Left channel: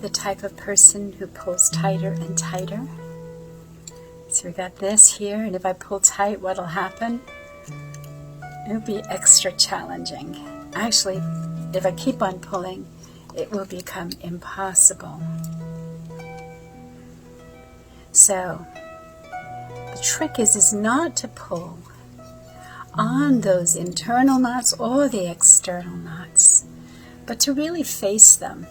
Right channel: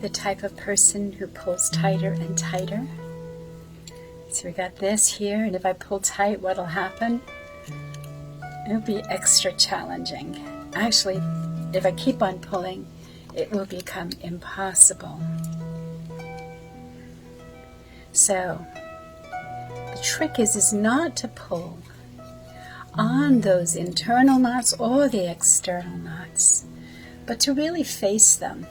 the type of person who pulls tighter and tighter? So we got this here, and if I pull tight, what'll happen? It'll be extra challenging. Actually, if I keep on pulling, it will become impossible. So, the trick is not to pull on those internal knots or the external knots, but to really face them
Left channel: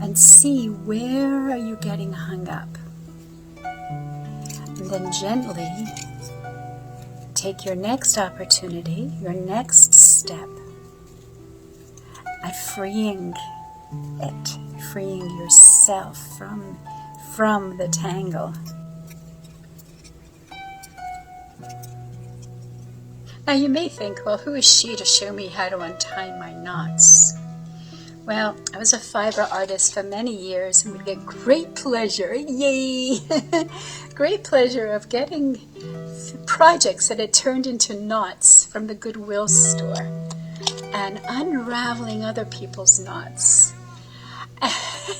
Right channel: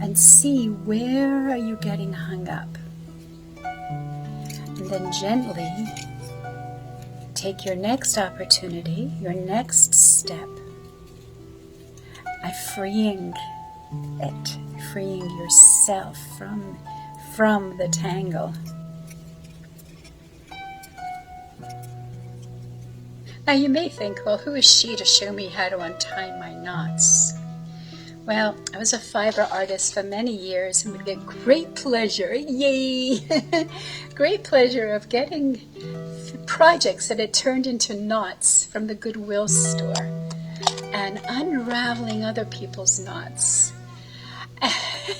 and see where are you getting hung up. And then gently take your next opportunity, your next step, at freeing it, freeing yourself from the tangle. Now you may think, well, who is she to show me how to untie my knots? Well, I was a fiber artist for many years and would get great pleasure, yay, great pleasure of getting projects that had turned into knots from the Goodwill store and unraveling other people's knots.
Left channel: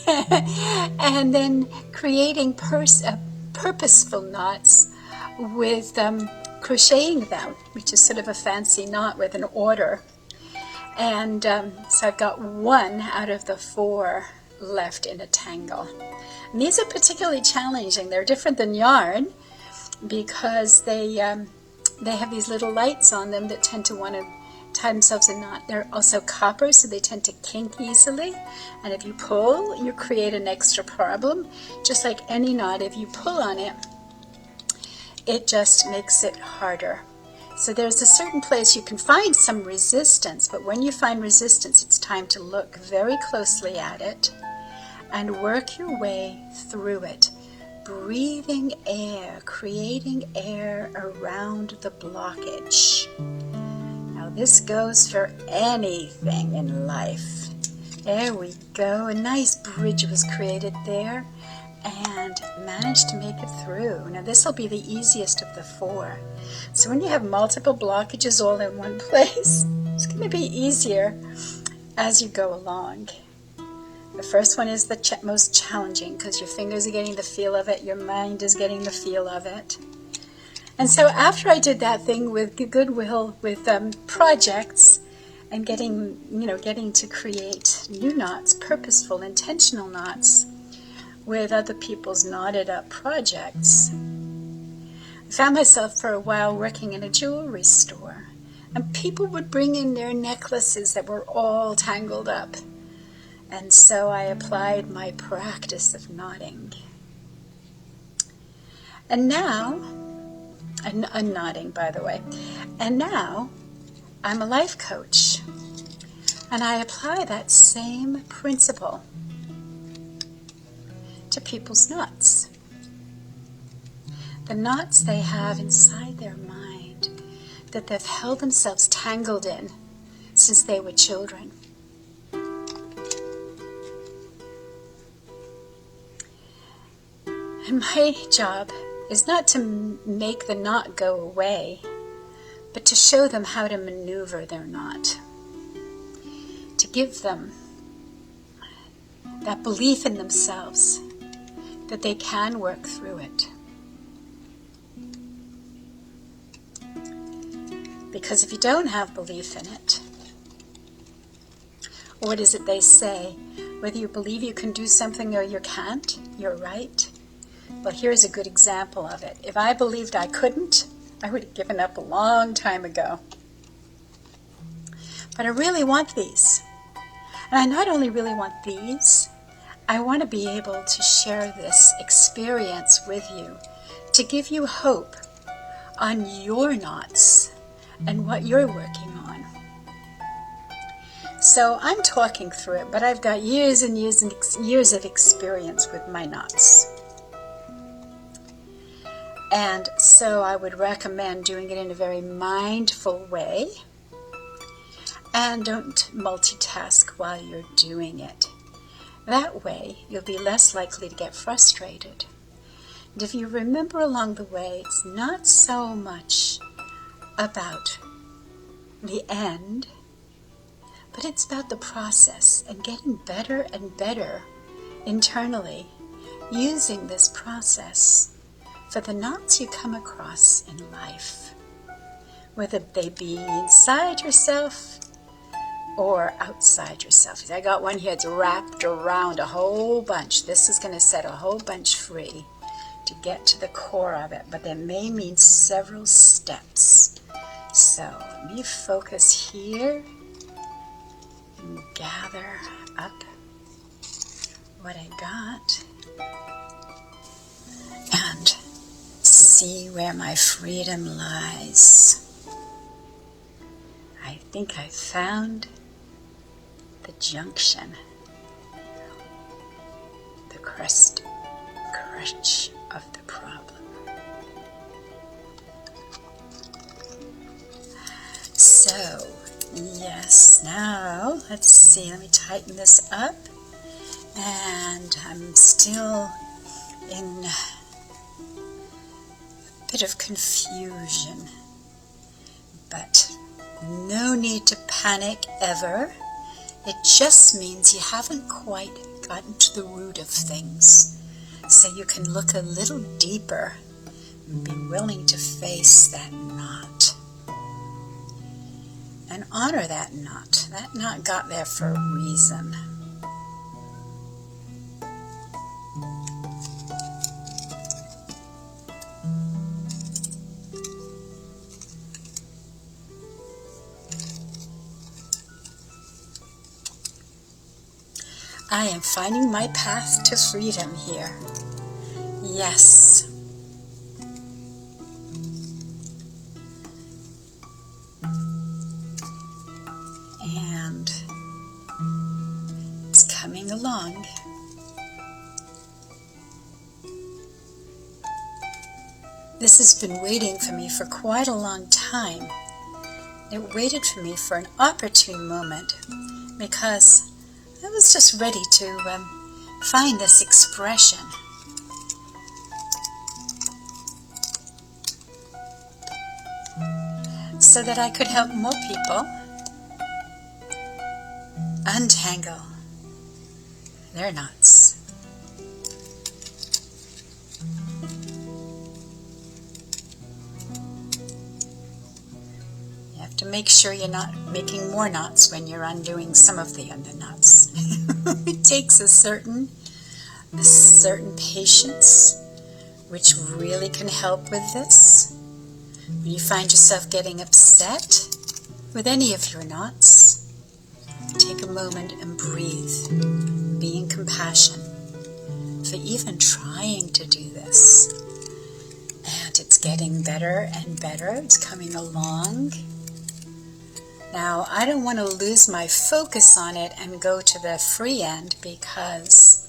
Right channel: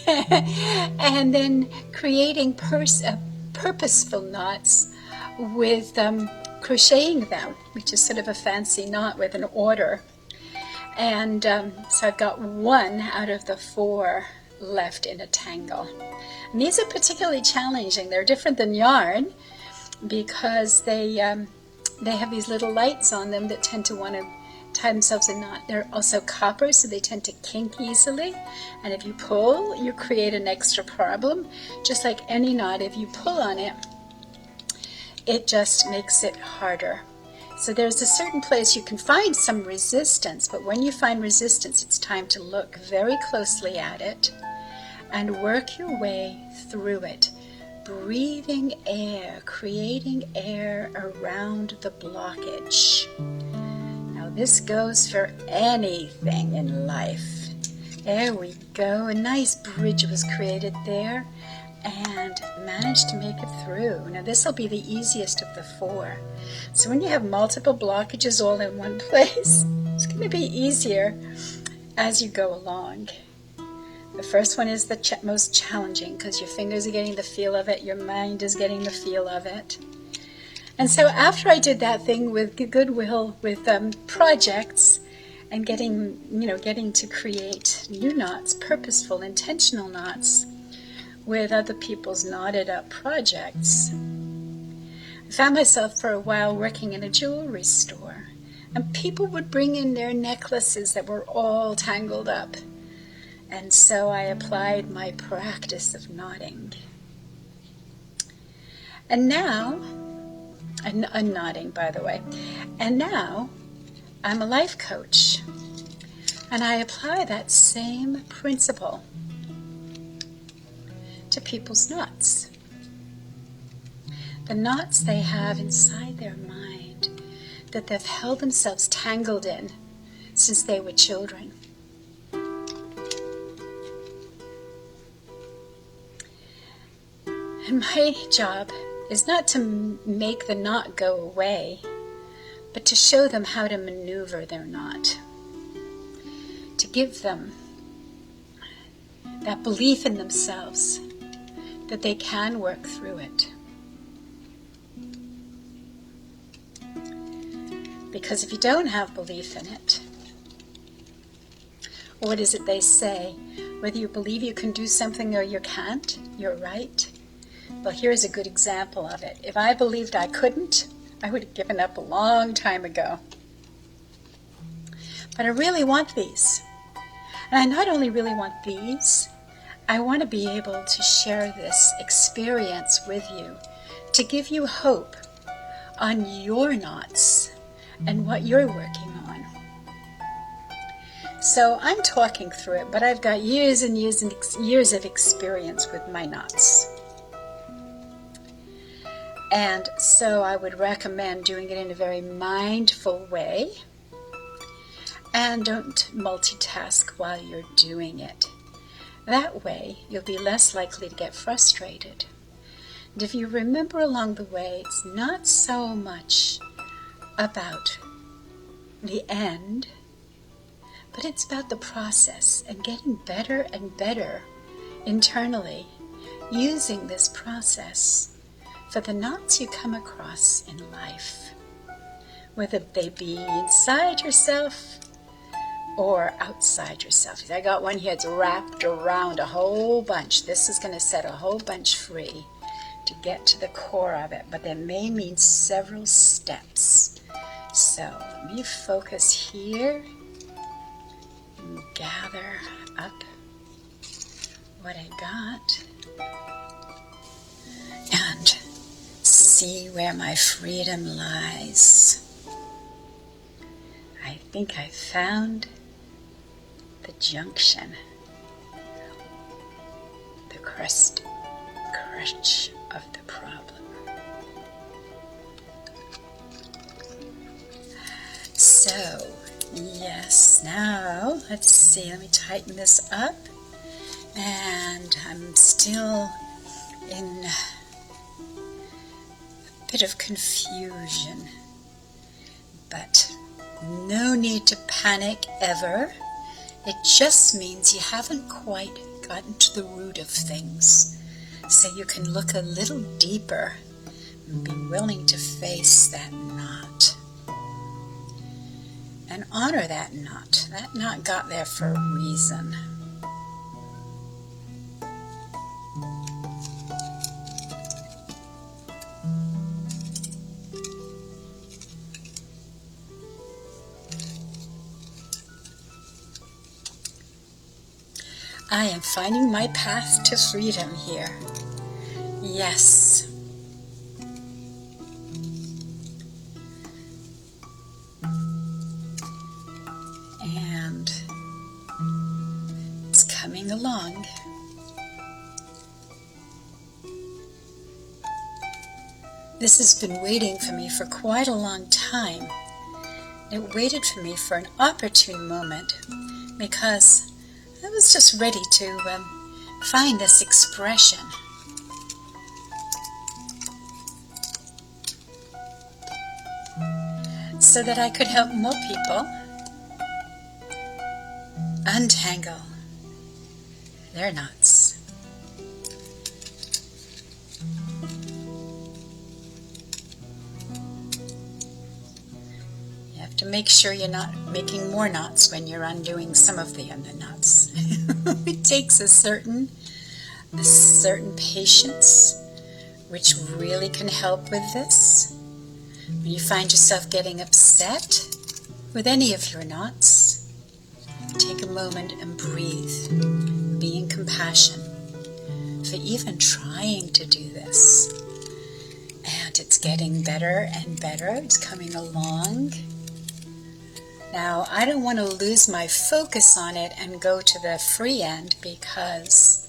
And then creating purposeful knots with crocheting them, which is sort of a fancy knot with an order. And so I've got one out of the 4 left in a tangle. And these are particularly challenging. They're different than yarn because they have these little lights on them that tend to want to tie themselves in knot. They're also copper, so they tend to kink easily. And if you pull, you create an extra problem. Just like any knot, if you pull on it, it just makes it harder. So there's a certain place you can find some resistance, but when you find resistance, it's time to look very closely at it and work your way through it, breathing air, creating air around the blockage. Now this goes for anything in life. There we go. A nice bridge was created there and managed to make it through. Now this will be the easiest of the 4. So when you have multiple blockages all in one place, it's going to be easier as you go along. The first one is the most challenging because your fingers are getting the feel of it, your mind is getting the feel of it. And so after I did that thing with Goodwill, with projects, and getting to create new knots, purposeful, intentional knots with other people's knotted up projects, I found myself for a while working in a jewelry store, and people would bring in their necklaces that were all tangled up. And so I applied my practice of knotting. And now, I'm knotting, by the way, and now I'm a life coach, and I apply that same principle to people's knots. The knots they have inside their mind that they've held themselves tangled in since they were children. And my job is not to make the knot go away, but to show them how to maneuver their knot, to give them that belief in themselves that they can work through it. Because if you don't have belief in it, what is it they say? Whether you believe you can do something or you can't, you're right. Well, here's a good example of it. If I believed I couldn't, I would have given up a long time ago. But I really want these. And I not only really want these, I want to be able to share this experience with you, to give you hope on your knots and what you're working on. So I'm talking through it, but I've got years and years and years of experience with my knots. And so I would recommend doing it in a very mindful way, and don't multitask while you're doing it. That way, you'll be less likely to get frustrated. And if you remember along the way, it's not so much about the end, but it's about the process and getting better and better internally, using this process for the knots you come across in life, whether they be inside yourself or outside yourself. I got one here that's wrapped around a whole bunch. This is going to set a whole bunch free to get to the core of it, but that may mean several steps. So let me focus here and gather up what I got and see where my freedom lies. I think I found the junction, the crutch of the problem. So, yes, now let's see, let me tighten this up, and I'm still in a bit of confusion, but no need to panic ever. It just means you haven't quite gotten to the root of things. So you can look a little deeper and be willing to face that knot. And honor that knot. That knot got there for a reason. I am finding my path to freedom here. Yes. And it's coming along. This has been waiting for me for quite a long time. It waited for me for an opportune moment because I was just ready to find this expression. So that I could help more people untangle their knots. You have to make sure you're not making more knots when you're undoing some of the other knots. It takes a certain patience, which really can help with this. When you find yourself getting upset with any of your knots, take a moment and breathe, be in compassion for even trying to do this. And it's getting better and better. It's coming along. Now, I don't want to lose my focus on it and go to the free end because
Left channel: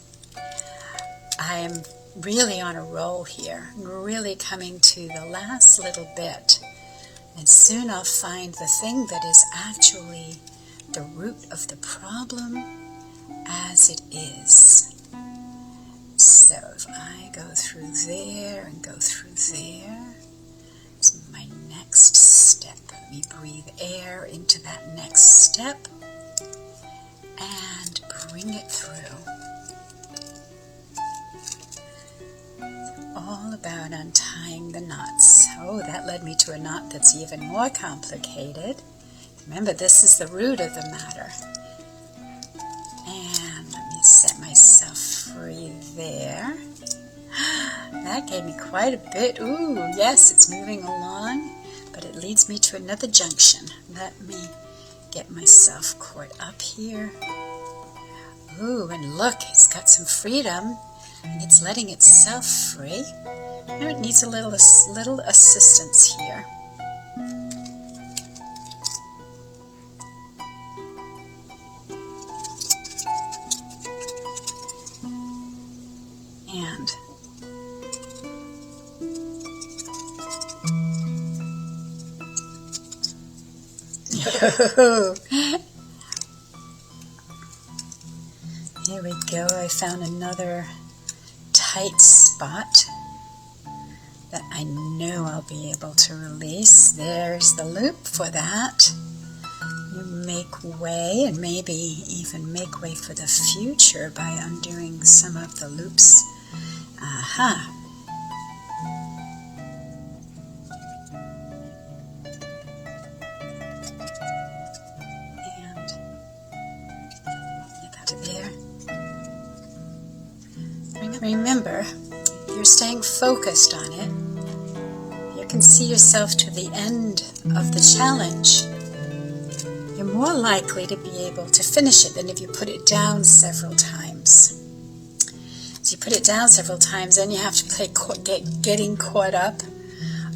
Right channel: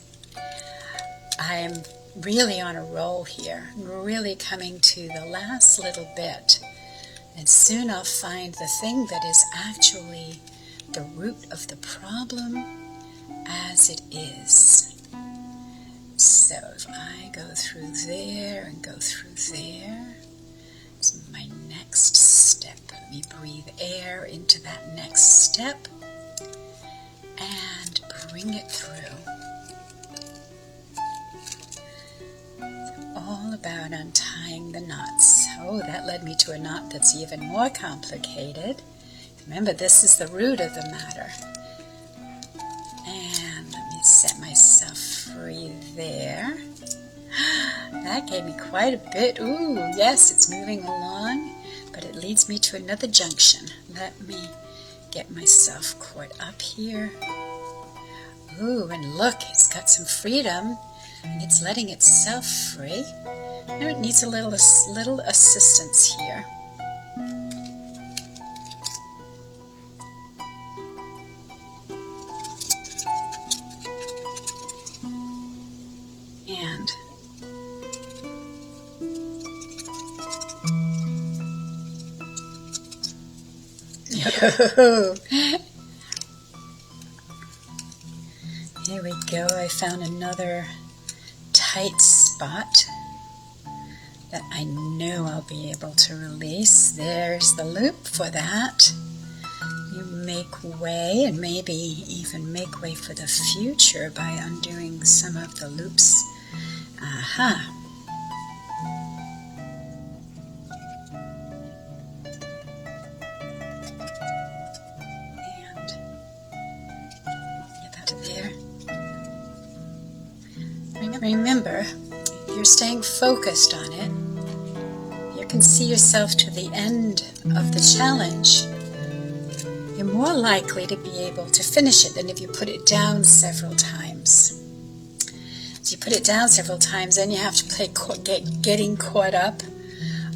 I'm really on a roll here. I'm really coming to the last little bit. And soon I'll find the thing that is actually the root of the problem as it is. So if I go through there and go through there, it's my next step. Let me breathe air into that next step and bring it through. It's all about untying the knots. Oh, that led me to a knot that's even more complicated. Remember, this is the root of the matter. And let me set myself free there. That gave me quite a bit. Ooh, yes, it's moving along, but it leads me to another junction. Let me get myself caught up here. Ooh, and look, it's got some freedom, and it's letting itself free. Now it needs a little assistance here. Here we go. I found another tight spot that I know I'll be able to release. There's the loop for that. You make way, and maybe even make way for the future by undoing some of the loops. Aha. And get that there. Remember, you're staying focused on it. You can see yourself to the end of the challenge. You're more likely to be able to finish it than if you put it down several times. So you put it down several times, then you have to play getting caught up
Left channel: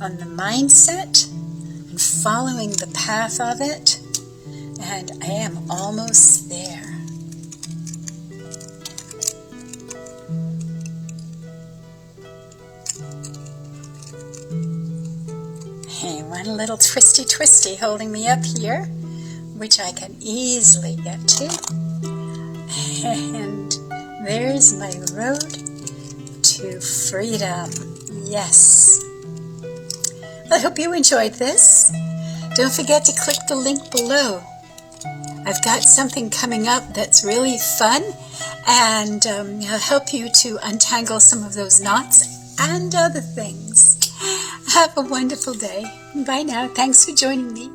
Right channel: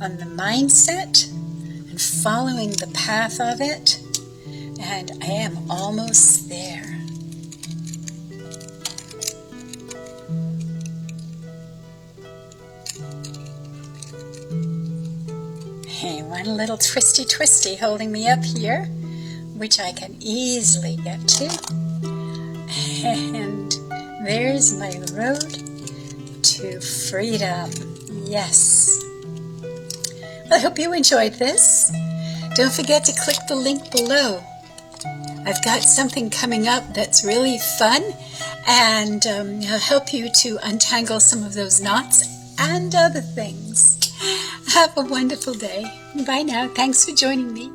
on the mindset and following the path of it. And I am almost there. Hey, one little twisty holding me up here, which I can easily get to. And there's my road to freedom. Yes. I hope you enjoyed this. Don't forget to click the link below. I've got something coming up that's really fun, and I'll help you to untangle some of those knots and other things. Have a wonderful day. Bye now. Thanks for joining me.